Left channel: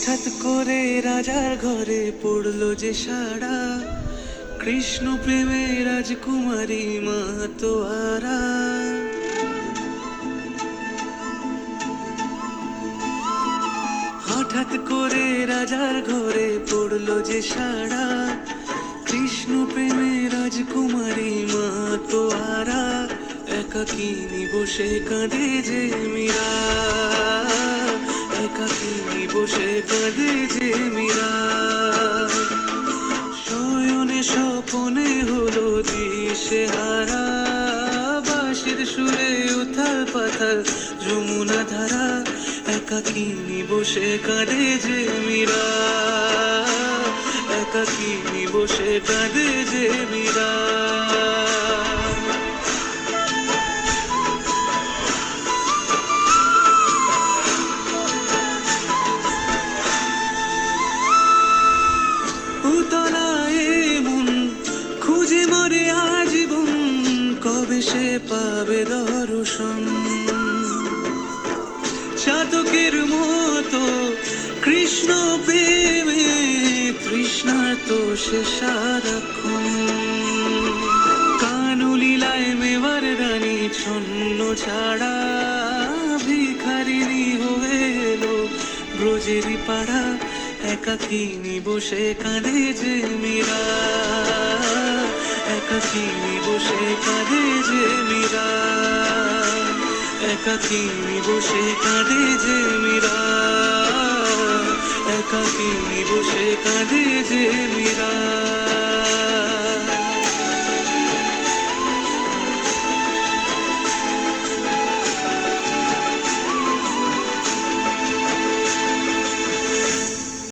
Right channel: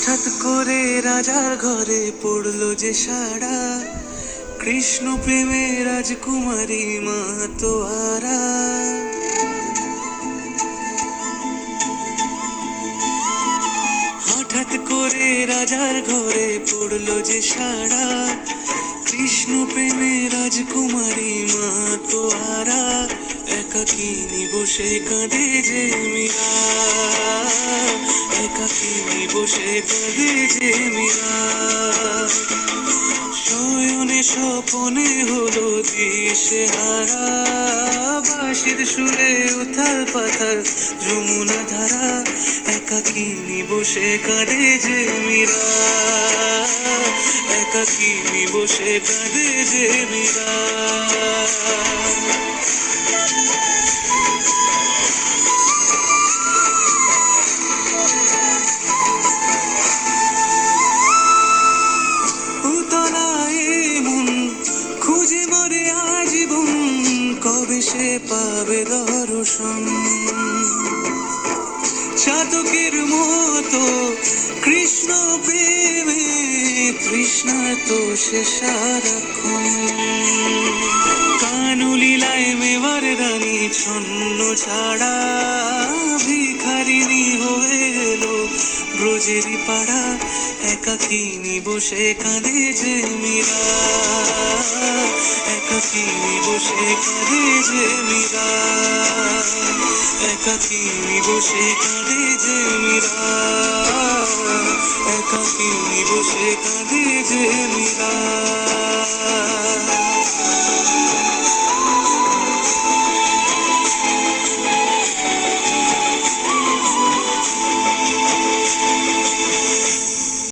হঠাৎ করে রাজার ঘরে পড়লো যে সাড়া, কৃষ্ণ প্রেমে রাজকুমারী মাতোয়ারা। হঠাৎ করে রাজার ঘরে পড়লো যে সাড়া, কৃষ্ণ প্রেমে রাজকুমারী মাতোয়ারা। একাকিনী বসে কাঁদে যে মীরা, একাকিনী বসে কাঁদে যে মীরা। শয়নে স্বপনে হলো দিশেহারা, বাঁশির সুরে উথাল পাথাল যমুনা ধারা। একাকিনী বসে কাঁদে যে মীরা, একাকিনী বসে কাঁদে যে মীরা। খুঁজে মরে আজীবন, কবে সে পাবে দর্শন। চাতকের মতো কৃষ্ণ প্রেমে তৃষ্ণার্ত সে সারাক্ষণ। কানুলীলায় মেবার রানী ছন্ন ছাড়া, ভিখারিণী হয়ে এলো ব্রজেরই পাড়া। একাকিনী বসে কাঁদে যে মীরা, একাকিনী বসে কাঁদে যে মীরা, একাকিনী বসে কাঁদে যে মীরা, একাকিনী বসে কাঁদে যে মীরা।